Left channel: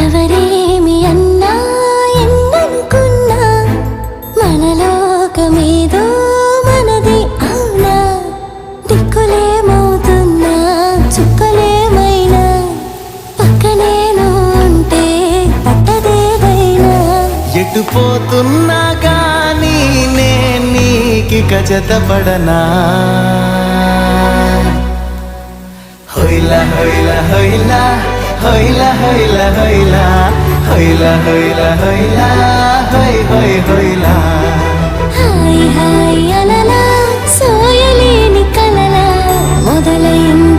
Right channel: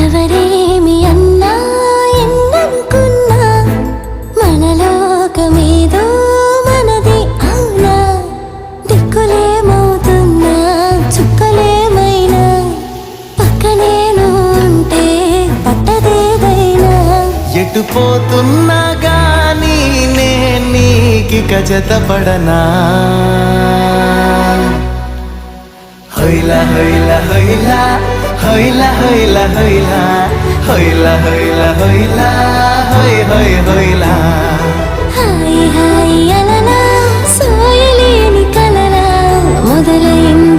ఎవరేమి అన్నా ఎన్ననుకున్నా మనలోకమేదో మనది అవునా దిక్కులేమవుతున్నా చుక్కలేమైనా పక్కనేను ఉంటే పట్టదేదైనా ఎటు పోతున్నా గానీ నే నీకిక జతపడనా హొయ్లా హొయ్లా హొయ్లా హొయ్లా హొయ్లా హొయ్లా హొయ్లా హొయ్లా హొయ్లా హొయ్ హొయ్ హొయ్లా హాయ్ హాయ్ అనలా సోయలేని కలలా మొదలైంది